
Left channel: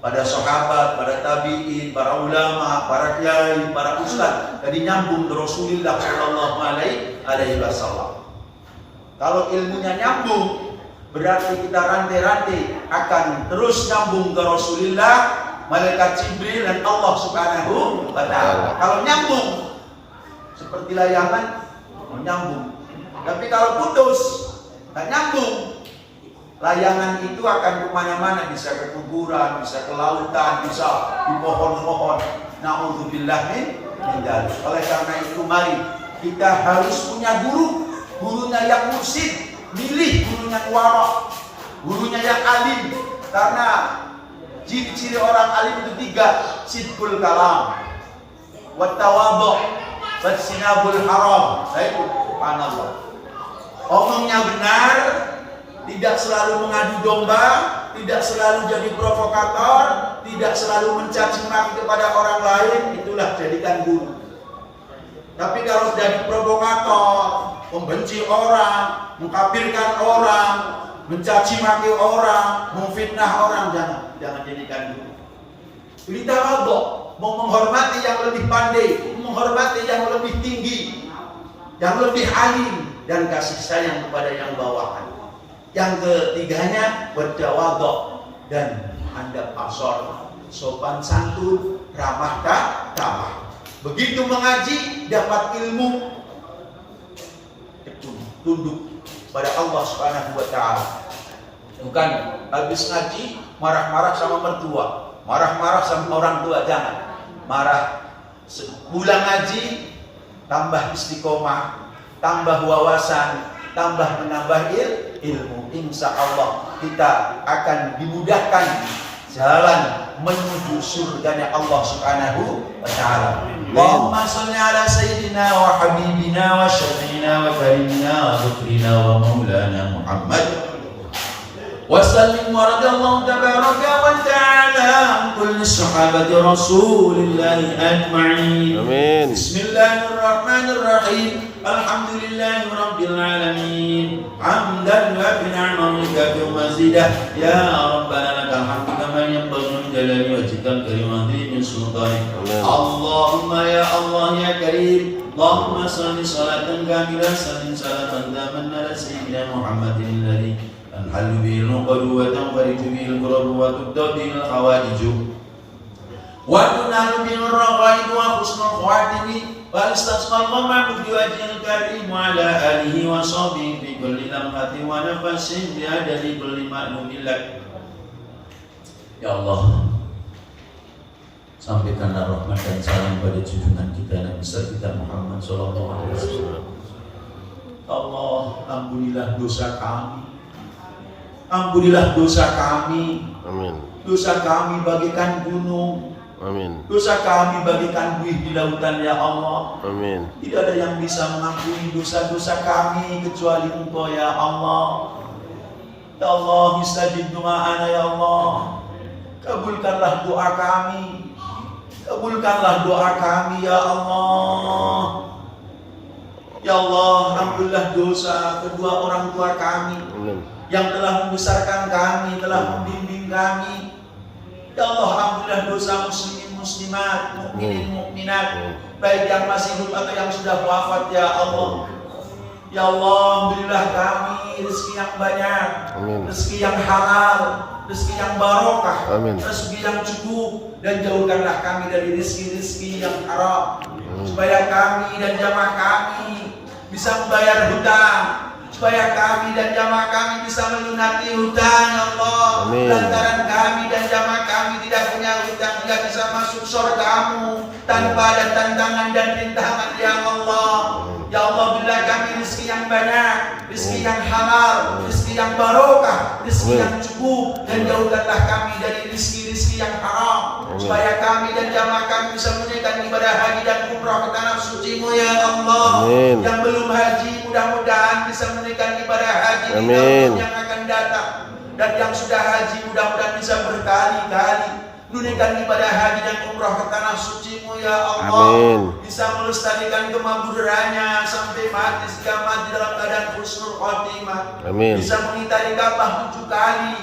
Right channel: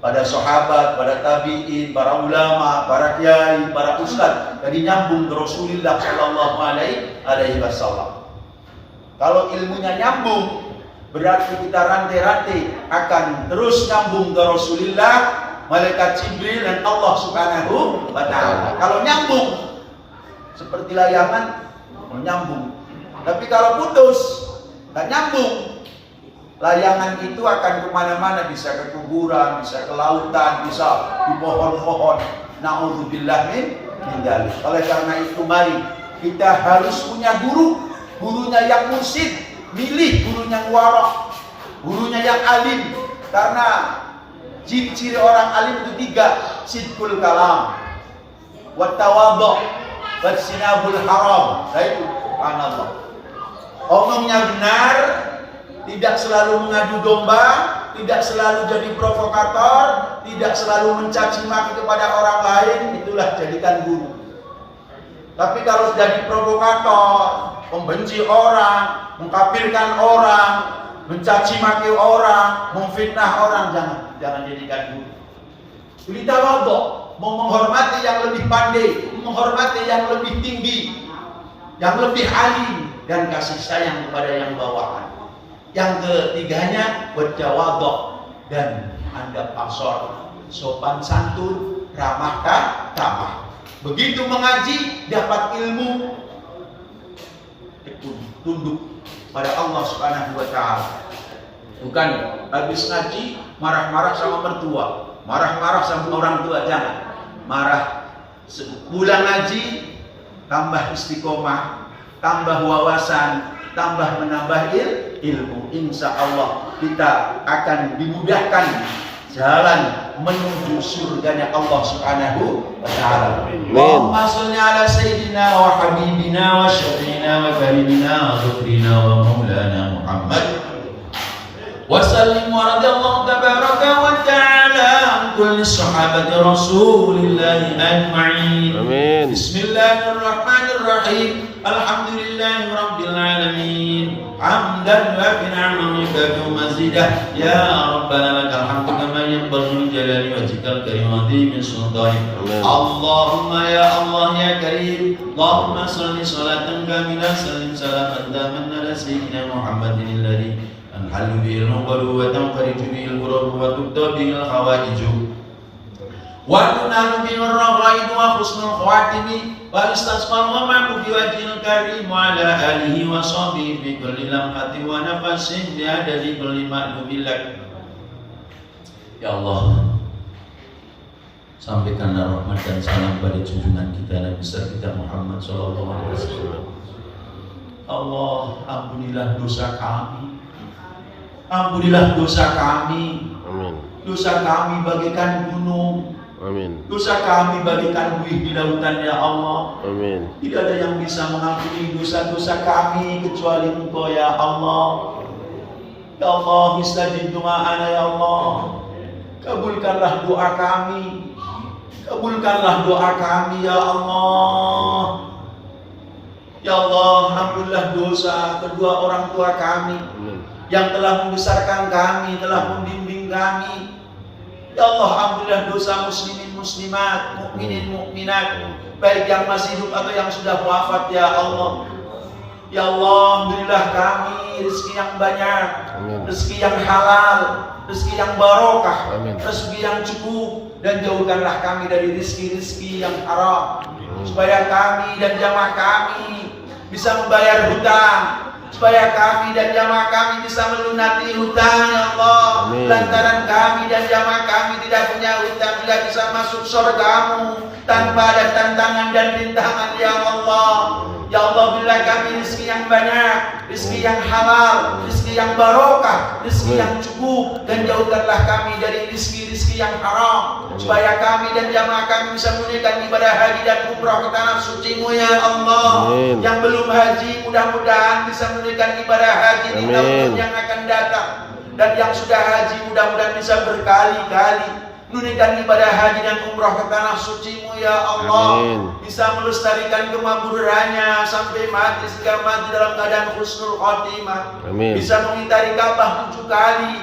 pada sahabat, pada tabiin, para ulama, para kiai, para ustadz. Jadi nyambung ke Rasulullah Sallallahu Alaihi Wasallam. Kalau ilmunya nyambung, berarti kita rantai-rantai akan terus nyambung ke Rasulullah, malaikat Jibril dan Allah Subhanahu wa Ta'ala. Kalau nyambung, seperti layangan, nyambung. Tapi kalau putus, nggak nyambung, layangan itu akan kemana-mana, bisa ke kuburan, bisa ke lautan, bisa di pohon-pohon. Na'udzubillah min dzalik. Oleh karena itu mari kita harus punya guru, gurunya yang mursyid, milih gurunya yang wara, gurunya yang alim. Karena ciri-ciri orang alim itu 3, sidqul kalam, wa tawadhu, wa sinabul haram. Itu subhanallah. Omongnya benar, tidak selalu mengadu domba, tidak selalu jadi provokator, tidak selalu mencaci maki kepada orang lain. Itulah jadikan guru. Tapi kalau jadi provokator, membenci orang, mengkafirkan orang, mencaci maki orang, memfitnah orang, jangan jadikan guru. Beli tawadhu, mau menghormati yang lebih pandai, menghormati yang lebih tinggi, yang lebih alim, dan kasih sayang kepada yang bawahan. Yang ketiganya bertawadhu dan handap asor, sopan santun, ramah tamah. Begitu mengaji dapat ilmu, tunduk pada Allah Subhanahu wa Ta'ala. Bukan habis ngaji marah-marah sama mertua, marah-marah sama orang tua, jangan. Marah pulang ngaji, tambah istiqomah, tambah wawasan, tambah menambah ilmu. Insya Allah kita akan dimudahkan jalan menuju surganya Allah Subhanahu wa Ta'ala. Allahumma sholli ala sayyidina wa habibina wa syafi'ina wa karimina wa dhukrina wa maulana Muhammad wa sallim wa radallahu tabaraka wa ta'ala an kulli sahabati rasulillahi ajma'in. Amin. Bismillahirrahmanirrahim. Alhamdulillahi rabbil alamin. Hamdan wa bi'ni'amika wa mazidah. Ya rabbana lakal hamdu kama yanbaghi li jalali wajhikal karim azim sultanik. Allahumma ya Allah ya karim, Allahumma shalli salatan kamilah salim salaman daman ala sayyidina Muhammadin alladhi anhalu bil qulub wa tanfariju bil qurur wa tudda bil hawaiju wa tunalu bil raghaib wa husnul khawatimi wa istasqal ma'bud bi wajhil karim wa ala alihi wa sahbihi bi kulli lamhatin wa nafasin bi adadi kulli ma'lumin. Ya Allah, sampaikanlah rahmat dan salam pada junjungan kita Nabi besar kita Muhammad sallallahu alaihi wasallam. Allah, ampunilah dosa kami. Ampunilah dosa kami. Amin. Dosa kami bagaikan gunung. Amin. Dosa kami bagaikan buih di lautan ya Allah. Amin. Tidak ada yang bisa mengampuni dosa-dosa kami kecuali Engkau ya Allah. Ya Allah, istajib du'ana ya Allah. Kabulkanlah doa kami. Kabulkanlah doa kami ya Allah. Ya Allah, ampunilah dosa kedua orang tua kami yang telah membesarkan kami, telah membimbing kami. Ya Allah, ampunilah dosa muslimin muslimat, mukminin mukminat, baik yang masih hidup atau yang sudah wafat ya Allah. Ya Allah, berilah kami rezeki yang banyak, rezeki yang halal, rezeki yang barokah, rezeki yang cukup, dan jauhkanlah kami dari rezeki-rezeki yang haram, supaya kami dan jamaah kami bisa membayar hutang, supaya kami dan jamaah kami bisa melunasi hutang ya Allah. Lantaran kami dan jamaah kami tidak punya hutang, tidak bisa masuk surga-Mu tanpa ada tantangan dan rintangan ya Allah. Ya Allah, berilah kami rezeki yang banyak, rezeki yang halal, rezeki yang barokah, rezeki yang cukup, dan jauhkanlah kami dari rezeki-rezeki yang haram, supaya kami dan jamaah kami bisa menunaikan ibadah haji dan umrah ke tanah suci-Mu ya Allah. Amin. Yang belum haji mudah-mudahan bisa menunaikan ibadah haji di tahun yang akan datang. Dan yang sudah haji mudah-mudahan bisa berkali-kali menunaikan ibadah haji dan umrah ke tanah suci-Mu ya Allah. Amin. Bisa melestarikan kemaburannya sampai mati, sehingga mati dalam keadaan husnul khotimah. Amin. Bisa mengitari Ka'bah 7 kali,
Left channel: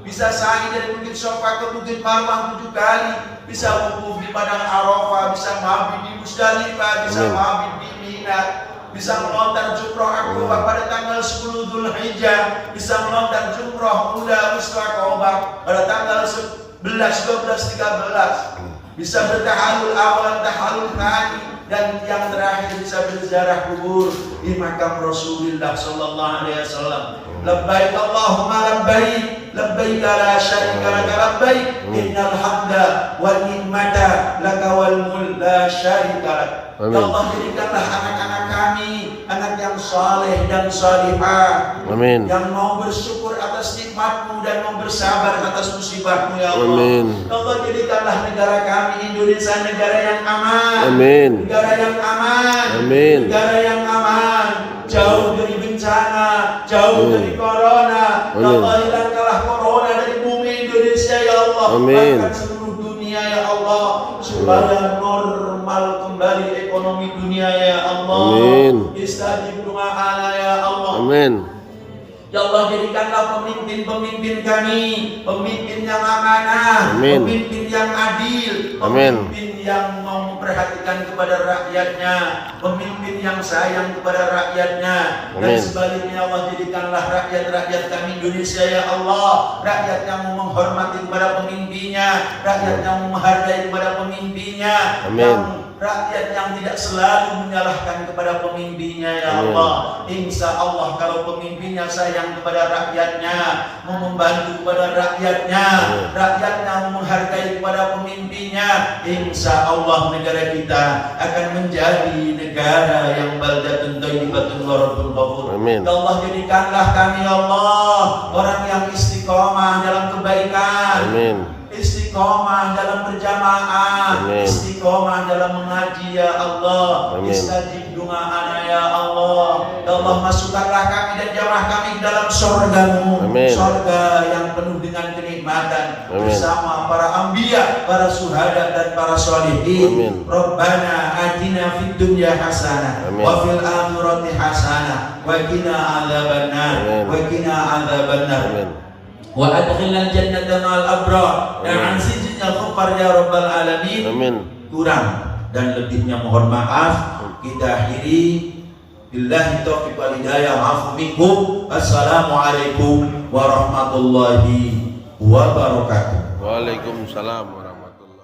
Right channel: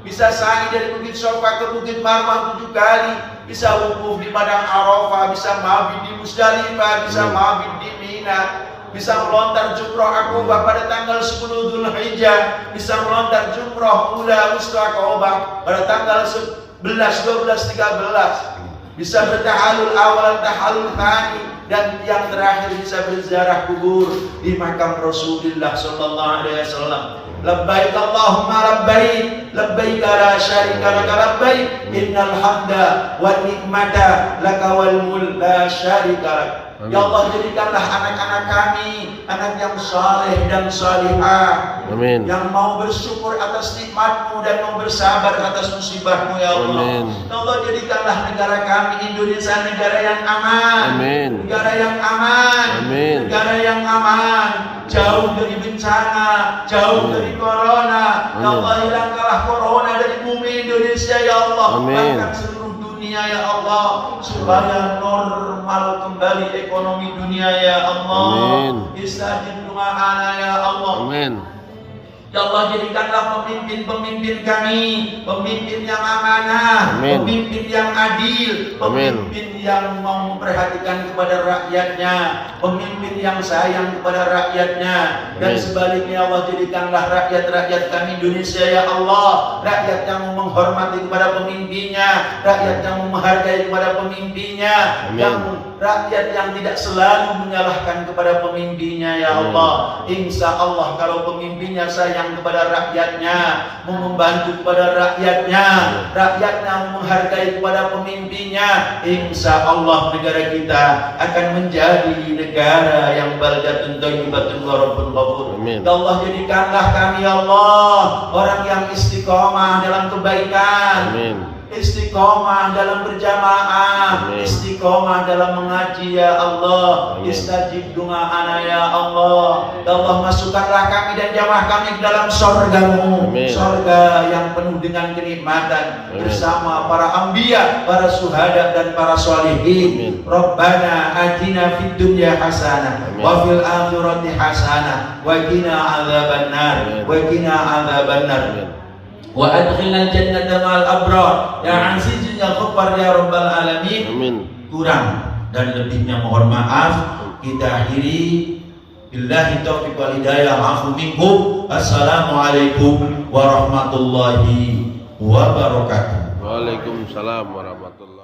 bisa sa'i dari Bukit Sofa ke Bukit Marwah 7 kali, bisa wukuf di padang Arafah, bisa mabit di Musdalifah, bisa mabit di Mina, bisa melontar jumroh Aqabah pada tanggal 10 Dzulhijjah, bisa melontar jumroh Ula Mustaqabah pada tanggal 11, 12, 13, bisa bertahalul awal, tahalul thani, dan yang terakhir bisa berziarah kubur di makam Rasulullah sallallahu alaihi wasallam. Labbaik Allahumma labbaik, labbaik la syarika laka labbaik, innal hamda wan ni'mata laka wal mulk la syarika lak. Ya Allah, jadikanlah anak-anak kami anak yang saleh dan salihah. Amin. Yang mau bersyukur atas nikmat-Mu dan mau bersabar atas musibah-Mu ya Allah. Amin. Ya Allah, jadikanlah negara kami Indonesia negara yang aman. Amin. Negara yang aman. Amin. Negara yang aman, jauh dari bencana, jauh dari corona. Ya Allah, hilangkanlah corona dari bumi Indonesia ya Allah. Amin. Bahkan seluruh dunia ya Allah, supaya normal kembali ekonomi dunia ya Allah. Amin. Istajib doa ya Allah. Amin. Ya Allah, jadikanlah pemimpin-pemimpin kami pemimpin yang amanah, Amin. pemimpin yang adil, Amin. pemimpin yang mau memperhatikan kepada rakyatnya, pemimpin yang sayang kepada rakyatnya. Dan Amin. sebaliknya ya Allah, jadikanlah rakyat-rakyat kami Indonesia ya Allah, rakyat yang menghormati kepada pemimpinnya, rakyat yang menghargai kepada pemimpinnya, Amin. yang rakyat yang tidak selalu menyalahkan kepada pemimpinnya ya Allah. Insya Allah kalau pemimpinnya sayang kepada rakyatnya, membantu kepada rakyatnya, rakyatnya menghargai kepada pemimpinnya, insya Allah negara kita akan menjadi negara yang baldatun thayyibatun wa rabbun ghafur. Amin. Ya Allah, jadikanlah kami ya Allah orang yang istiqomah dalam kebaikan. Amin. Istiqomah dalam berjamaah, Amin. istiqomah dalam mengaji ya Allah. Amin. Istajib doa ya Allah. Ya Allah, masukkanlah kami dan jamaah kami dalam surga-Mu, Amin. surga yang penuh dengan kenikmatan. Amin. Bersama para anbiya, para syuhada dan para sholihin. Amin. Rabbana atina fid dunya hasanah Amin. wa fil akhirati hasanah wa qina adzabannar Amin. wa qina adzabannar. Amin. Wa adkhilnal jannata ma'al abrar ya azizun ya ghaffar ya rabbal alamin. Amin. Kurang dan lebihnya mohon maaf. Kita akhiri, billahi taufiq wal hidayah, afu minkum. Assalamualaikum warahmatullahi wabarakatuh. Waalaikumsalam warahmatullahi